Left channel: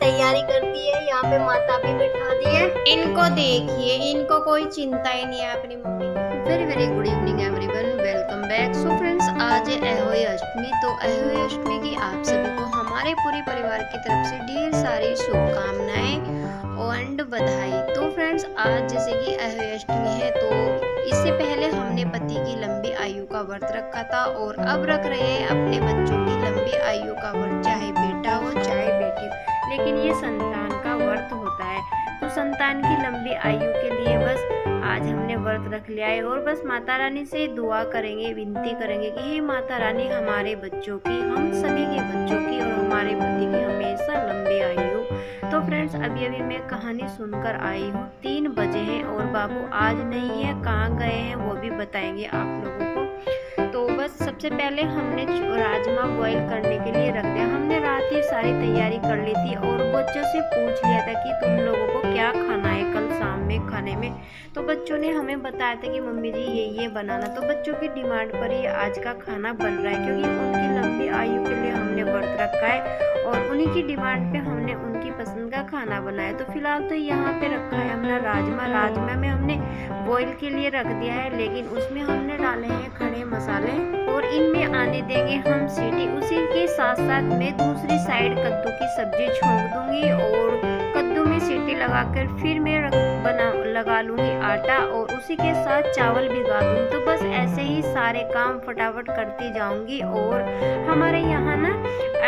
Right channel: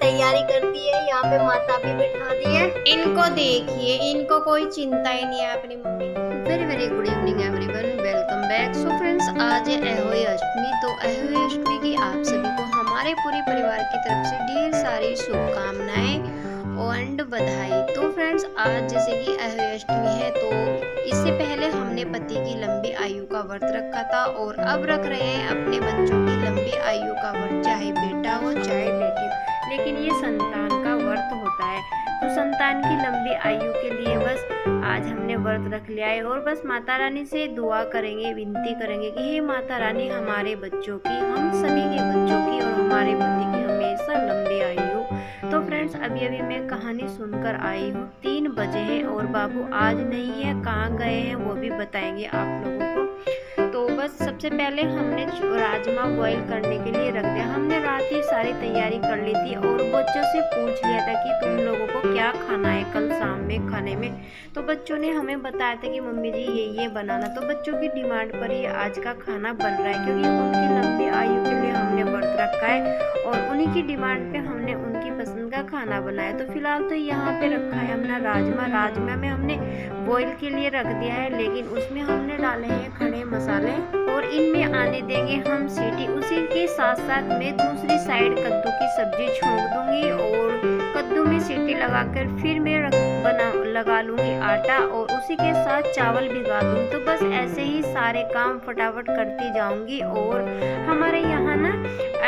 तैयारी करती है। यहाँ पे माता भी बिठा दी है। इनको देखिए, इनको कोई चिंता ही नहीं है अपनी मम्मी की। Very very good evening everyone, welcome back. So friends, आज है अहोई अष्टमी। तो अहोई अष्टमी की आप सभी को हमारे पूरे परिवार की तरफ से ढेर सारी शुभकामनाएं एंड बधाई। तो फ्रेंड्स, आज जैसे कि अहोई अष्टमी है, तो इससे पहले हमने पति की लंबी आयु का व्रत रखा था और अब रख रहे हैं अपने बच्चों की लंबी आयु का व्रत, चाहे बेटा हो चाहे बेटी हो, लेकिन ये संतान का व्रत होता है। तो संतान की लंबी आयु के लिए बस आज हमने व्रत रख लिया है और बस माता रानी से दुआ करेंगे, विनती करेंगे कि हे माता रानी, हमारे बच्चों की, हम सभी के बच्चों की और हमारे पति की हमेशा लंबी आयु। तो फ्रेंड्स, अभी अभी मैं कहानी सुनकर आई हूँ। 3 बजे हैं और बाबू आज नहीं है, कहाँ गए हैं वो भी बताएंगे आप लोगों को। तो बस सबसे पहले हमने राजमा बॉईल करने के लिए रख दिया। हमने रात ही सारी तैयारी कर ली थी और बच्चों से पूछ लिया था कि तुम लोगों को क्या खाना है कल शाम में खाने में। तो बच्चों ने हमें बताया था कि मम्मी जी ये बनाना। तो बच्चों की डिमांड पर ही आज का खाना बन रहा है, क्योंकि उनकी लंबी आयु के लिए हमने व्रत रखा है और उन्हीं की डिमांड पे हमने उनकी पसंद का खाना बनाया। तो फिलहाल तो यहाँ पे रखा है हमने राजमा में हमने बॉईल के लिए रख दिया है, लेकिन उसमें हमने डाले हैं खड़े मसाले और इनमें आने देंगे हम सीटी। उसी के साथ साथ मैं दूसरी साइड कद्दू की सब्जी छोंक दूंगी और कद्दू में सीटी लगाकर फिर मैं लगा लूंगी आटा और उसी के साथ चावल भिगा दूंगी। तो बस ऐसे ही सारे काम फटाफट करती जाऊंगी। और हमारे यहाँ ना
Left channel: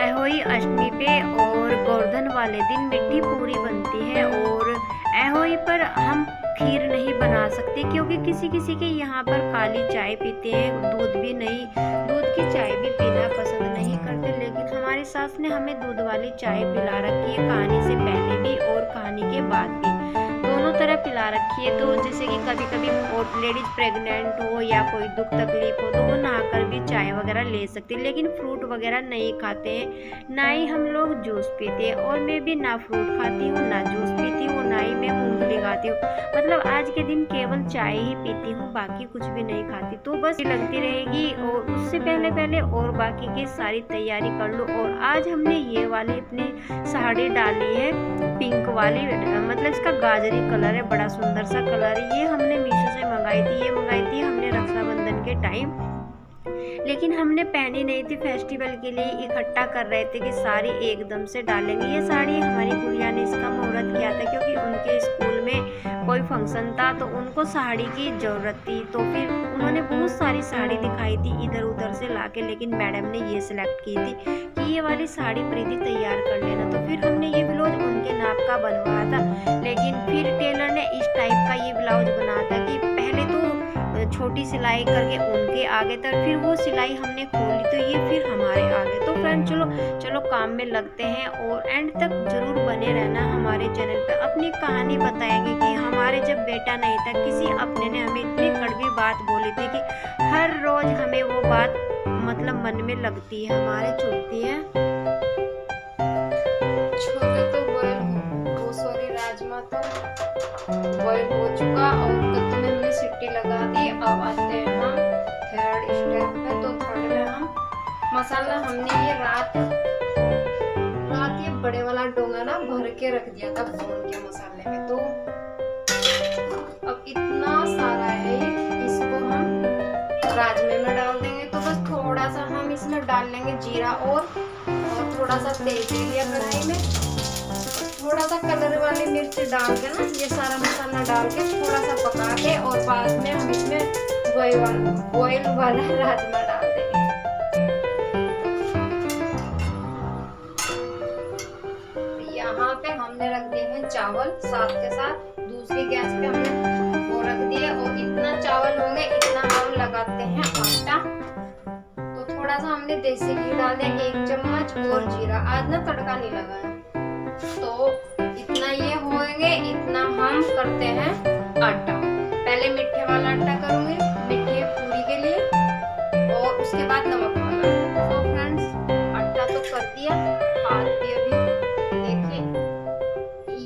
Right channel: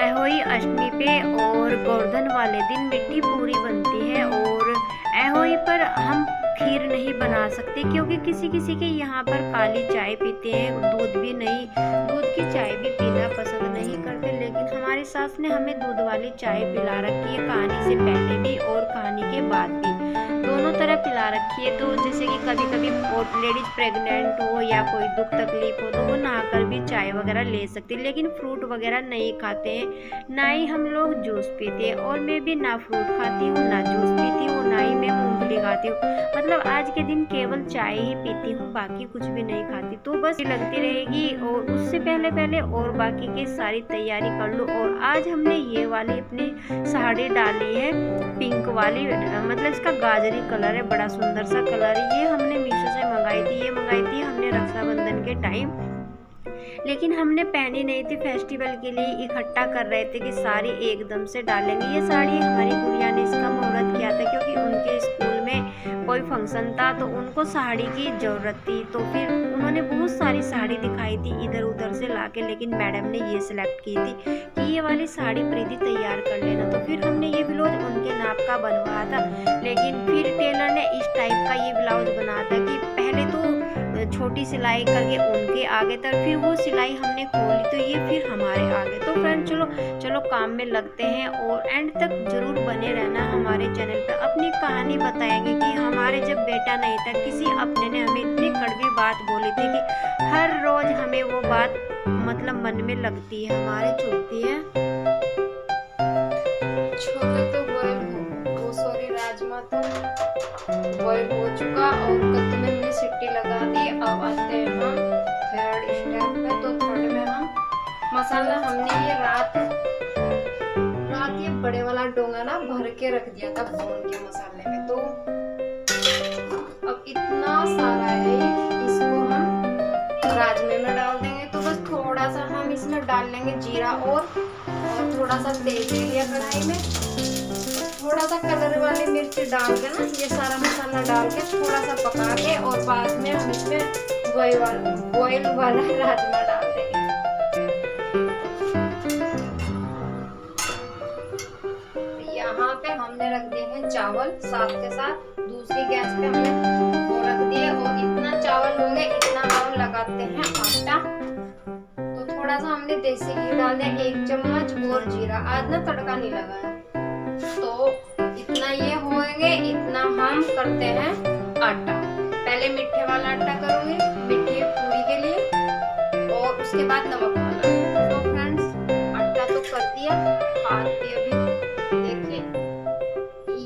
अहोई अष्टमी पे और गोवर्धन वाले दिन मिट्टी पूरी बनती है और अहोई पर हम खीर नहीं बना सकते, क्योंकि किसी किसी के यहाँ पर काली चाय पीते हैं, दूध की चाय भी पीना पसंद नहीं करते। लेकिन हमारी सास ने हमें दूध वाली चाय पिला रखी है, कहानी से पहले भी और कहानी के बाद भी, दोनों तरह पिला रखी है। तो जैसे कि कभी कभी लेडीज प्रेग्नेंट हो या कोई दुख तकलीफ हो तो वो नहाकर भी चाय वगैरह ले सकती है, लेकिन फ्रूट वगैरह नहीं खाते हैं, ना ही हम लोग जूस पीते हैं। और मैं भी ना फ्रूट खाती हूँ, ना जूस पीती हूँ, ना ही मैं मूंगफली खाती हूँ। मतलब आज के दिन केवल चाय ही पीती हूँ, बाकी कुछ भी नहीं खाती। तो बस लगती रहेगी और उससे पहले और बाकी की सारी तैयारी कर लूँ। और आज हमने ये वाली अपनी साड़ी डाली है, पिंक वाली, मतलब इसका गाजरी कलर है, बड़ा सुंदर सा कलर है। ये हमने मीशो से मंगाई थी हमने रक्षाबंधन के टाइम, लेकिन हमने पहनी नहीं थी। फेस्टिवल के लिए इकट्ठा कर रहे थे कि साड़ी एकदम से डालेंगे। ये साड़ी हमारी गुड़िया ने इसका मुहूर्त किया था, क्योंकि उनके स्कूल में कोई फंक्शन था तो उनको साड़ी की ज़रूरत थी। तो फिर उन्होंने बहुत सारी साड़ी दिखाई थी इधर उधर से लाके, लेकिन मैडम ने ये सिलेक्ट की थी कि ये वाली साड़ी प्रीति तैयार कर लेना। तो फिर हमने ये ब्लाउज उनके नाप का बनवाया था, लेकिन फिर टेलर ने इस टाइप का ये ब्लाउज बनाया था कि पहले तो छोटी सिलाई करके उनके आगे तक, फिर वो सिलाई हमने खोली तो ये फिर हमारे आगे। तो फ्रेंड, चलो काम में लगते हैं और एंड तक जरूर बने रहना हमारे चैनल पे। अपनी कहानी बताएंगे कि हमारे जब बेटा नहीं था, किसी अपने ने हमें इतनी कड़वी बात बोली थी कि हर रोज हमें वो बात मतलब मन में लगती है, हमारे चुभती है। छोले तो बॉयल हो, सॉरी राजमा तो बॉयल हो चुका और कद्दू में हमने सीटी लगा दी। अब आते हैं हम थर्ड स्टेप पे। तो थर्ड में हम मसाला, हमने ये रात ये बड़े वाला डोंगा ना भर के रख दिया था भून के मसाले में। तो अब इतना सारा है ये, इसको हम राजमे में डाल देंगे। तो बस थोड़ा सा हम इसमें डाल लेंगे जीरा और थोड़ा सा तेल ले लिया कढ़ाई में, थोड़ा सा कलर वाली मिर्च डाल के ना ये सारा मसाला डाल के थोड़ा सा पका के और बाद में हम इसमें बॉयल वाला राजमा डाल देंगे। यहाँ पे हमने रख दिए हैं चावल साथ के साथ, दूसरी गैस पे हमने वो रख दिए और इतना चावल होंगे इतना हम लगाते हैं आटा। तो थोड़ा सा हमने देसी घी डाल दिया, 1 चम्मच, और जीरा। आज ना तड़का नहीं लगाया, तो इतना ये होंगे, इतना हम करते हैं आटा। पहले मीठे वाला आटा करूंगी, मीठे पूरी के लिए, और उसके बाद नमक वाला। तो फ्रेंड्स, आटा तो कर दिया, हाथ भी अभी देखिए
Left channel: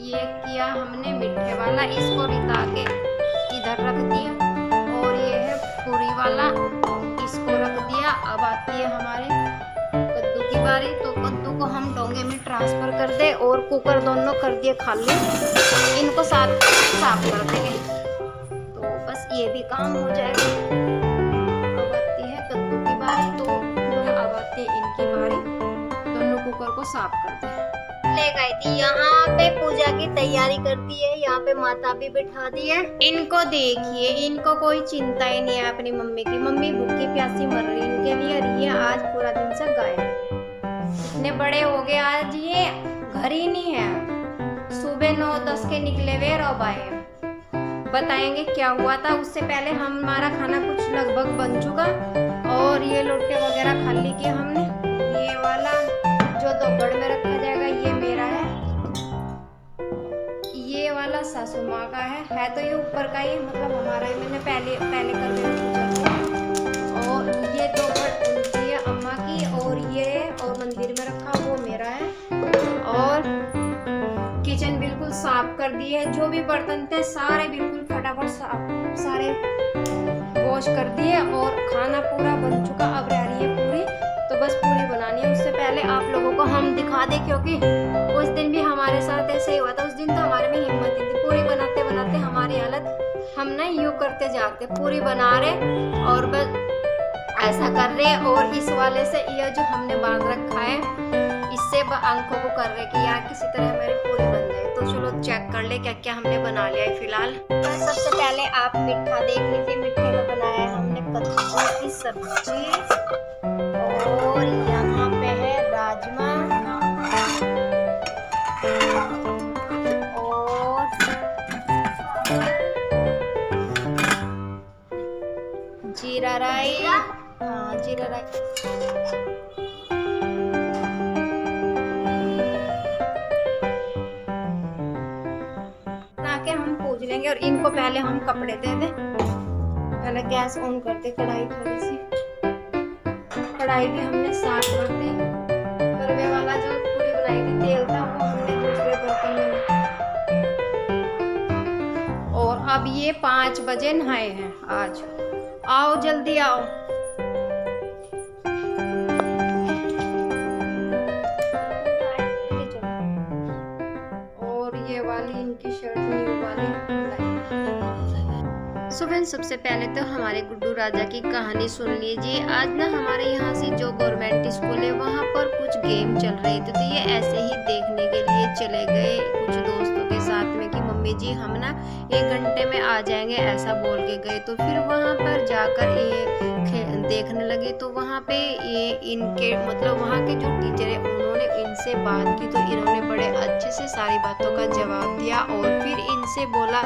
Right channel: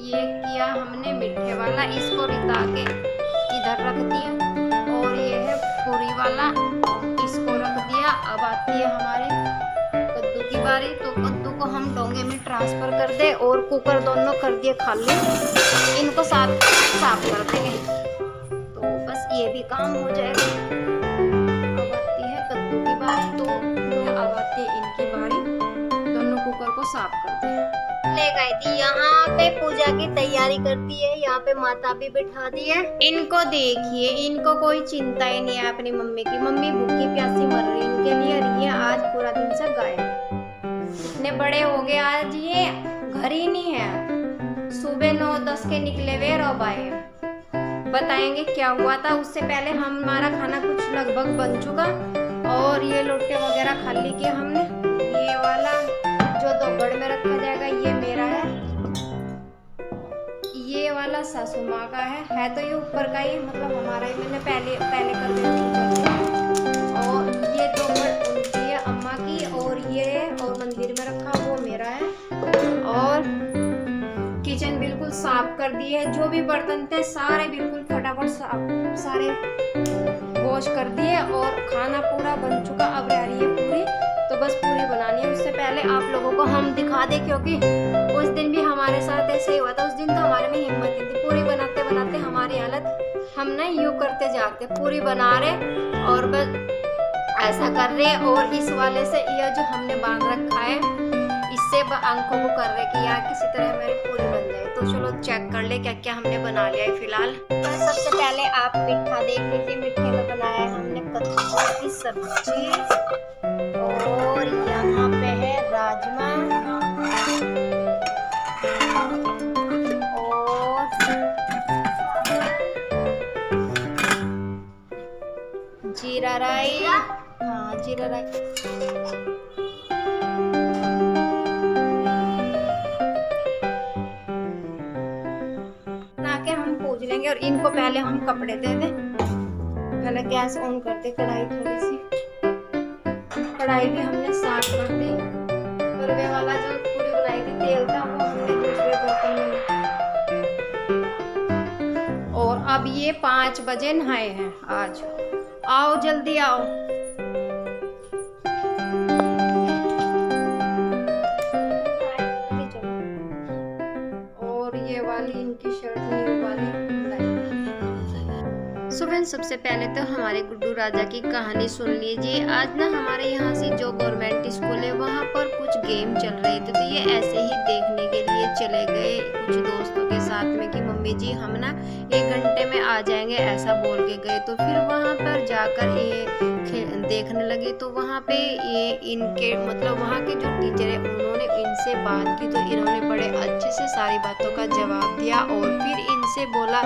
ये किया हमने मीठे वाला, इसको रिता के इधर रख दिया। और ये है पूरी वाला, इसको रख दिया। अब आती है हमारे कद्दू की बारी। करारी, तो कद्दू को हम डोंगे में ट्रांसफर कर दे और कुकर दोनों कर दिए खाली, इनको साफ कर देंगे तो बस ये भी काम हो जाएगा। अब आती है कद्दू की बारी, तो अब आती है इनकी बारी, दोनों कुकर को साफ कर दे। ले गई थी यहाँ पे पूजा की तैयारी करती है, यहाँ पे माता भी बिठा दी है। इनको देखिए, इनको कोई चिंता ही नहीं है अपनी मम्मी की। मम्मी भूखी प्यासी मर रही इनके लिए, और ये आज पूरा दिन से गायब। इतने बड़े हो गए, आज ये घर ही नहीं है। सुबह 9-10 के निकले हुए और अब आए। बताएंगे क्या हुआ था। उससे पहले हमारा खाना कुछ लगभग बन चुका, और ये लोटे वगैरह खाली किए हमने। ये वाला जो दोपहर में रखा जाएगा ये मेरा है, ये वाला सासू माँ का है तो ये ऊपर का ही, मतलब हमारा ही, मैंने पहले कर दिया पूजा। और ये दोपहर उनकी है, अम्मा की, और ये और मंदिर में रखा वो मेरा है। और किचन बिल्कुल साफ कर दी है, जो भी बर्तन थे सारे बिल्कुल फटाफट सारे वॉश कर दिए, और खाना पूरा बन चुका। अब रह रही है पूरी, तो बस पूरी बनानी है। उससे पहले आप लोगों को हम दिखा दें, क्योंकि उस दिन भी हमारे साथ ऐसे ही हुआ था। उस दिन तो हमारे में हिम्मत नहीं थी, पूरी बनाते बनाते हमारी हालत, हम ना यूँ करते जाते, पूरी बना रहे और बस ऐसा कर रहे। और इस वाले से यह जो हमने बांध रखा है, इससे आंखों को कर रहे कि यार किसी तरह हमारी पूरी बन जाए। तो चलो चेक कर ले क्या क्या हमने बना लिया है फिलहाल। तो सबसे पहले आप मीठा देख लीजिए। मीठे में बनाया है हमने कद्दू की सब्जी, और यहाँ पे है राजमा, और जीरा राइस। हाँ, जीरा राइस। बना के हम पूज लेंगे, और इनको पहले हम कपड़े दे दे। पहले गैस ऑन कर दे, कढ़ाई थोड़ी सी, कढ़ाई भी हमने साफ कर दी। करवे वाला जो पूरी बनाई थी तेल था वो हमने दूसरे बर्तन में लिया। और अब ये 5 बजे नहाए हैं आज। आओ जल्दी आओ। और ये वाली इनकी शर्ट न्यू वाली। सो फ्रेंड्स, सबसे पहले तो हमारे गुड्डू राजा की कहानी सुन लीजिए। आज ना हमारे यहाँ से जो गवर्नमेंट स्कूल है वहाँ पर कुछ गेम चल रहे थे, तो ये ऐसे ही देखने के लिए चले गए कुछ दोस्तों के साथ में कि मम्मी जी हम ना 1 घंटे में आ जाएंगे, ऐसा बोल के गए। तो फिर वहाँ पर जाकर ये देखने लगे, तो वहाँ पे ये इनके मतलब वहाँ के जो टीचर है उन्होंने इनसे बात की, तो इन्होंने बड़े अच्छे से सारी बातों का जवाब दिया। और फिर इनसे बोला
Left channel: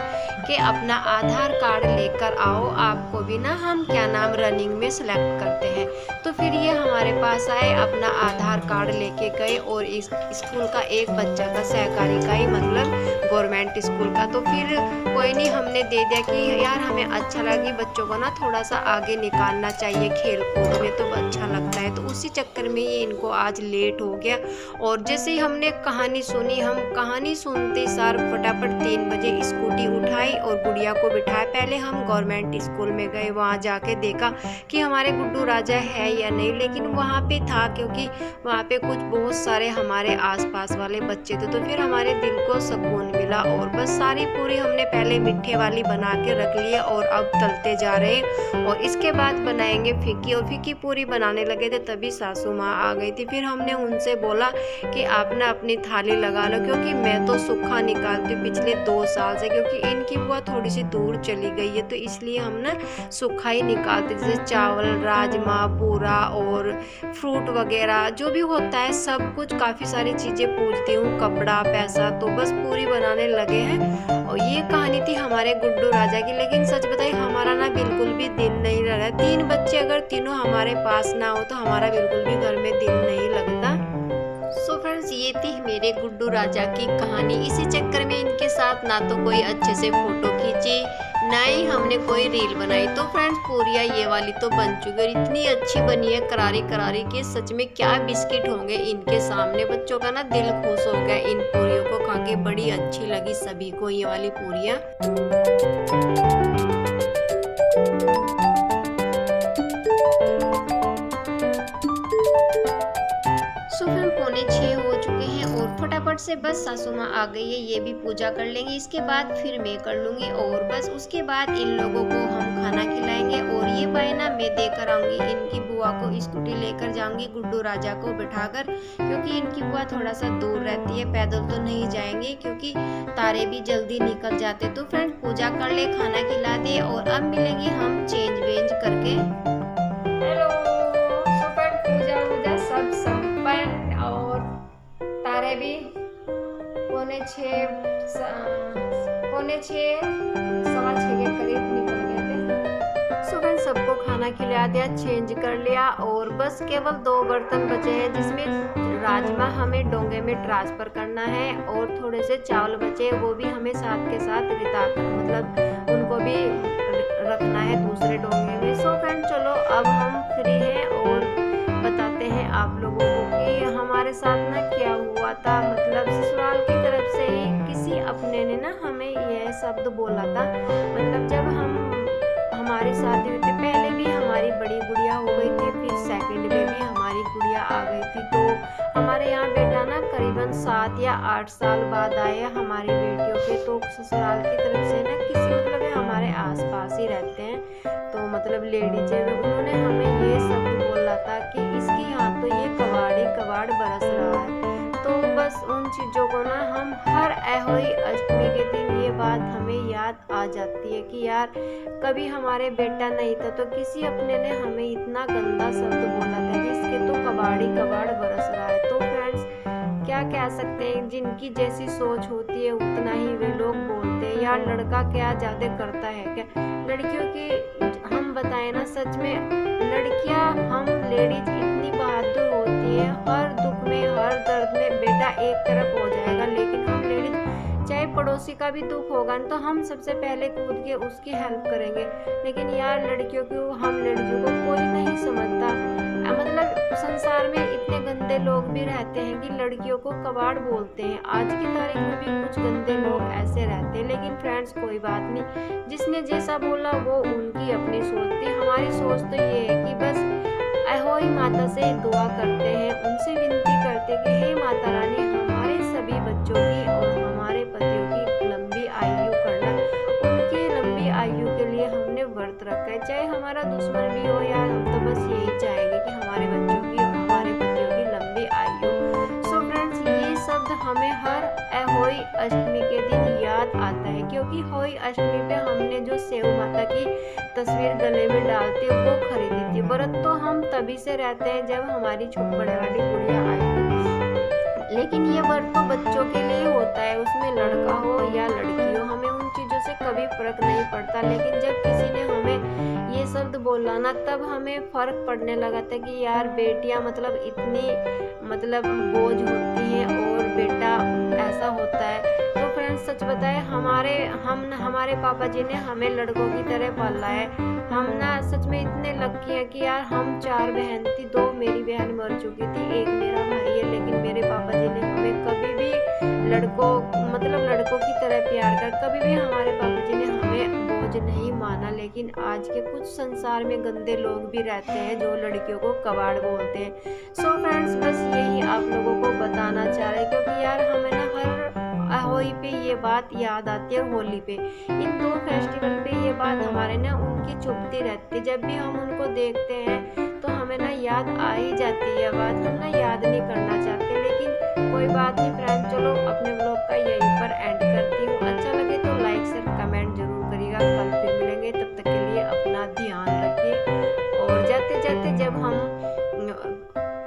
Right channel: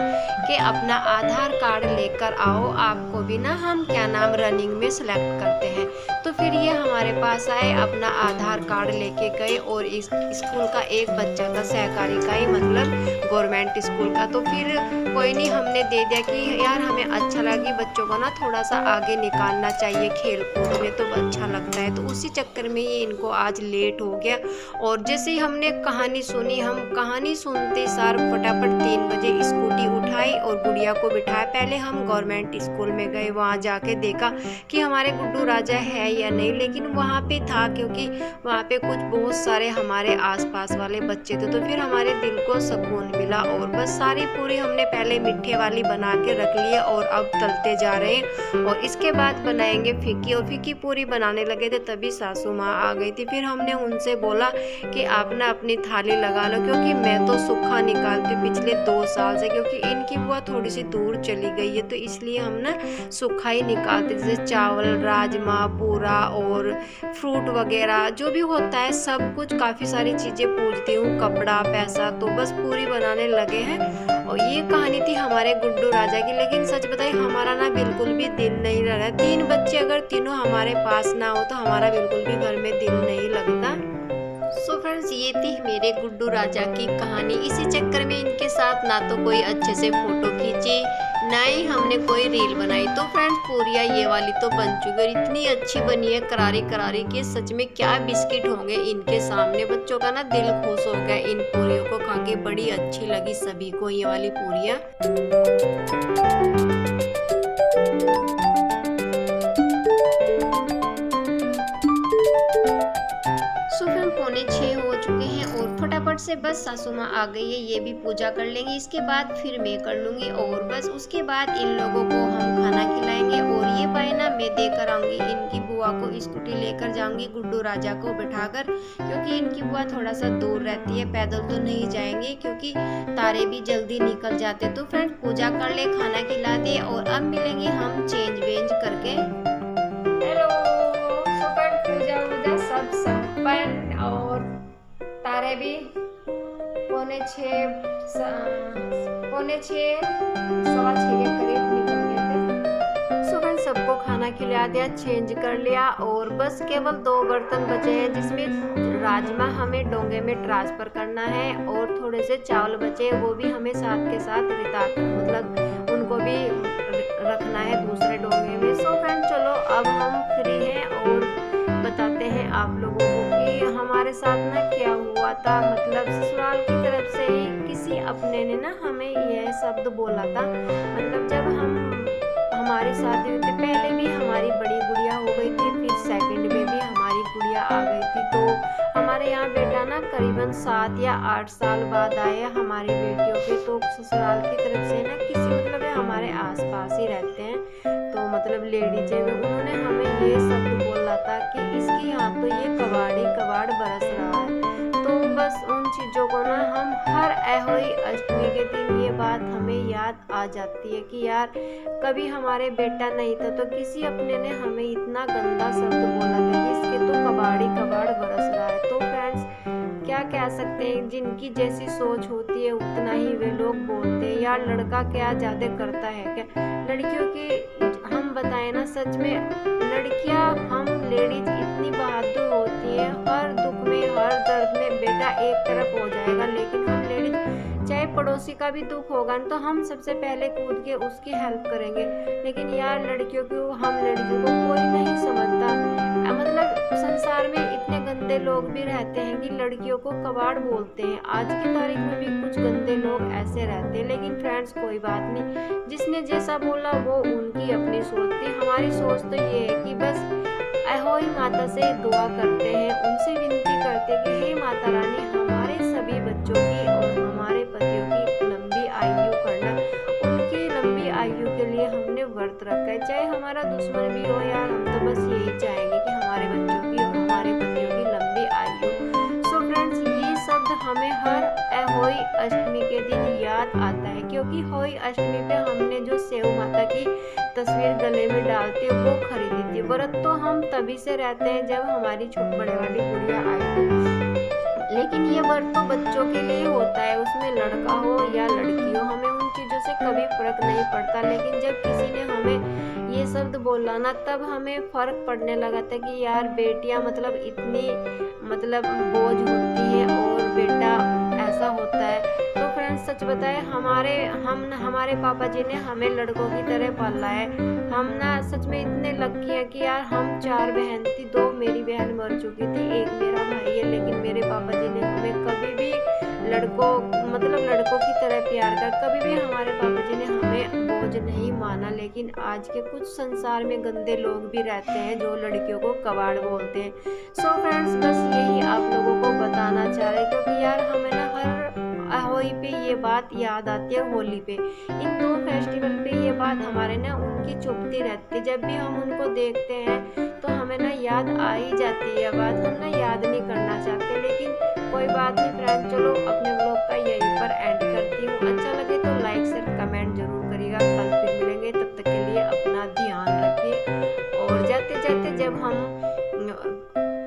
कि अपना आधार कार्ड लेकर आओ, आपको भी ना हम क्या नाम रनिंग में सेलेक्ट करते हैं। तो फिर ये हमारे पास आए, अपना आधार कार्ड लेके गए, और इस स्कूल का एक बच्चा था, सहकारी का ही, मतलब गवर्नमेंट स्कूल का। तो फिर कोई नहीं, हमने दे दिया कि यार हमें अच्छा लगे, बच्चों को ना थोड़ा सा आगे निकालना चाहिए खेल कूद में, तो अच्छा लगता है। तो उसी चक्कर में ये इनको आज लेट हो गया। और जैसे ही हमने कहानी सुनी, हम कहानी सुनते सार फटाफट 3 बजे स्कूटी उठाई और गुड़िया को बिठाया। पहले हम गवर्नमेंट स्कूल में गए, वहाँ जाके देखा कि हमारे गुड्डू राजा है या नहीं, लेकिन वहाँ पे था, क्योंकि वहाँ पे कुछ बहुत सारे हमारे आसपास वाले बच्चे थे। तो फिर हमारे दिल को सुकून मिला, और बस सारी पूरी हमने पहले मीठे वाली बना के रख ली है, और अब तलते जा रहे हैं। और इसके बाद बनाएंगे फीकी, और फीकी पूरी बनाने लगे थे तभी सासू माँ आ गई थी। फिर हमने उनसे बोला कि आप ना अपनी थाली लगा लो, क्योंकि मैं तो सूखा निकालती हूँ पिछले 2 साल से, क्योंकि इनकी बुआ थोड़ी सी दूर चली गई है, तो इसलिए हम ना सूखा ही निकालते, जैसे चावल, राजमा, बूरा और फ्रूट वगैरह जो भी होता है सब कुछ, काफ़ी सारी चीज़ें पूजती हूँ, कपड़ा, पैसा। तो बस पूरी बनाने लगे हैं। और ये कहानी थी हमारे गुड्डू राजा की। लेकिन सच बताइए, हमारा ना बिल्कुल भी दिल नहीं लग रहा है। 3 बच्चे अगर तीनों हमारे पास ना हो तो हमारा बिल्कुल भी घर में दिल नहीं लगता। सो फ्रेंड्स, ये थी मेरे गुड्डू राजा की कहानी। इसी चक्कर में इनके साथ ना तो कोई अच्छे से फोटो खींची, ना ही हमने कोई रील बनाई। तो फ्रेंड्स, पूरियाँ ये वाली तो बन चुकी है, इतनी अच्छी बनी है करारी करारी के, सच में क्या बिस्किट होंगे इनके सामने। बच्चों का ना दिल खुश हो गया इन पूरियों को खा के, बड़ी अच्छी लगी सभी को ये वाली पूरियाँ। 5:45 हो चुके हैं और फटाफट से बस सासू माँ आ गई है, ये भी पूजा कर लेंगे, इसके बाद फिर मैं कर लूँगी और बस उसके बाद इन लोगों को हम खाना खिलाएंगे। और ये बायना मैं देकर आऊँगी, इनकी बुआ को स्कूटी लेकर जाऊँगी गुड्डू राजा को बिठाकर, क्योंकि इनकी बुआ थोड़ा सा दूर रहती है, पैदल तो नहीं जाएंगे क्योंकि तारे भी जल्दी निकल जाते। तो फ्रेंड पूजा कर ले, खाना खिला दे और अब मिलेंगे हम चेंज वेंज करके। हेलो, सुपर पूजा वूजा सब संपन्न और तारे भी 5:45 6:15 के करीब निकल गए थे। सुबह सबको खाना खिला दिया, चेंज कर लिया और बस केवल 2 बर्तन बचे हैं जिसमें राजमा हमें डोंगे में ट्रांसफ़र करना है और थोड़े से चावल बचे, वो भी हमें साथ के साथ रिता कर मतलब उनको भी रखना है दूसरे डोंगे में। सो फ्रेंड चलो अब हम फ्री हैं और बताते हैं आप लोगों को कि हमारे साथ ना क्या हुआ था। मतलब ससुराल की तरफ से ही किसी अपने ने ना हमें यह शब्द बोला था, मतलब जब हमारी शादी हुई थी, पहले भी हमारी बड़ी गुड़िया हो गई थी, फिर सेकंड में भी हमारी गुड़िया आ गई थी। तो हमारे यहाँ बेटा ना करीबन 7 या 8 साल बाद आए हमारी बेटियों के। तो ससुराल की तरफ से ना किसी मतलब हमारे आसपास ही रहते हैं, तो मतलब लेडीज है, उन्होंने हमें ये शब्द बोला था कि इसके यहाँ तो ये कबाड़ बरस रहा है। तो बस उन चीज़ों को ना हम हर अहोई अष्टमी के दिन ये बात हमें याद आ जाती है कि यार कभी हमारे बेटा नहीं था तो किसी अपने ने हमें इतना गंदा शब्द बोला था कि इसके तो कबाड़ बरस रहा है। तो फ्रेंड्स क्या कह सकते हैं, जिनकी जैसी सोच होती है उतना ही वे लोग बोलते हैं। यार लड़का क्या ज़्यादा करता है क्या, लड़कियों की हम बताएं ना, सच में लड़कियां हम लेडीज इतनी बहादुर होती हैं, हर दुख में हर दर्द में बेटा एक तरफ हो जाएगा, लेकिन हम लेडीज चाहे पड़ोसी का भी दुख होगा तो हम सबसे पहले कूद के उसकी हेल्प करेंगे। लेकिन यार लड़कियों को, हम लड़कियों को कोई नहीं समझता। मतलब संसार में इतने गंदे लोग भी रहते हैं कि लड़कियों को कबाड़ बोलते हैं। आज की तारीख में भी कुछ गंदे लोग ऐसे रहते हैं, लेकिन फ्रेंड्स कोई बात नहीं, जिसने जैसा बोला वो उनकी अपनी सोच थी। हमारी सोच तो ये है कि बस अहोई माता से दुआ करते हैं, उनसे विनती करते हैं कि हे माता रानी हमारे सभी बच्चों की और हमारे पतियों की लंबी आयु करना। उनकी लंबी आयु के लिए हमने व्रत रखा है, चाहे हमारा दुश्मन भी हो यार, हम तो बस यही चाहेंगे कि हमारे बच्चों की और हमारे पतियों की लंबी आयु। सो फ्रेंड्स ये शब्द हमें हर अहोई अष्टमी के दिन याद आता है, क्योंकि होई अष्टमी पे हमने जो सेव माता की तस्वीर गले में डालते हैं वो खरीदी थी। व्रत तो हम तभी से रहते हैं जब हमारी बड़े वाली गुड़िया आई थी, लेकिन ये व्रत तो बच्चों के लिए होता है, उसमें लड़का हो या लड़की हो, हमें उन चीज़ों से कभी फर्क नहीं पड़ता। लेकिन जब किसी ने हमें ये शब्द बोला ना, तब हमें फ़र्क पड़ने लगा था कि यार बेटियां मतलब इतनी मतलब बोझ होती हैं और बेटा ऐसा होता है। तो फ्रेंड्स सच बताए हमारे पापा जी ने हमें लड़कों की तरह पाला है। हम ना सच में इतने लकी हैं कि यार हम 4 बहन थी, 2 मेरी बहन मर चुकी थी, 1 मेरा भाई है, लेकिन मेरे पापा जी ने हमें कभी भी लड़कों की तरह प्यार कर, कभी भी हमारे पापा जी ने हमें बोझ नहीं माना। लेकिन आज के कुछ संसार में गंदे लोग भी रहते हैं जो लड़कियों को कबाड़ बोलते हैं। सो फ्रेंड्स बस यही आप लोगों को बताना चाह रहे हैं, क्योंकि यार हमें ना हर अहोई पे ये बात याद आती है, होली पे, इन 2 फेस्टिवल पे ये बात हमारे ना उनकी चुभती रहती है। जब भी हम उनको देखते हैं तो हमें ना याद आ ही जाती है बात, हम ना याद नहीं करना चाहते, लेकिन कोई बात नहीं फ्रेंड। चलो अपने ब्लॉग का यहीं पर एंड करती हूँ, अच्छा लगे तो लाइक शेयर कमेंट जरूर करिएगा। कल फिर मिलेंगे, तब तक के लिए अपना ध्यान रखिए। और जाते जाते जब हम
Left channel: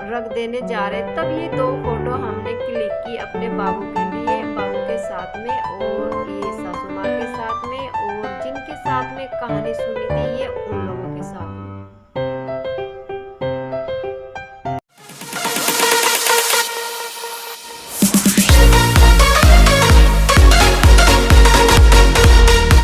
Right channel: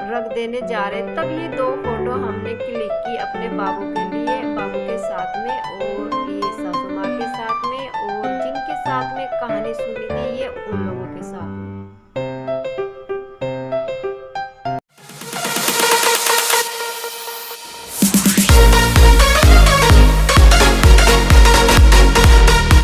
रख देने जा रहे तब ये 2 फोटो हमने क्लिक की अपने बाबू के लिए, बाबू के साथ में और ये सासू माँ के साथ में, और जिनके साथ में कहानी सुनी थी ये उन लोगों के साथ में।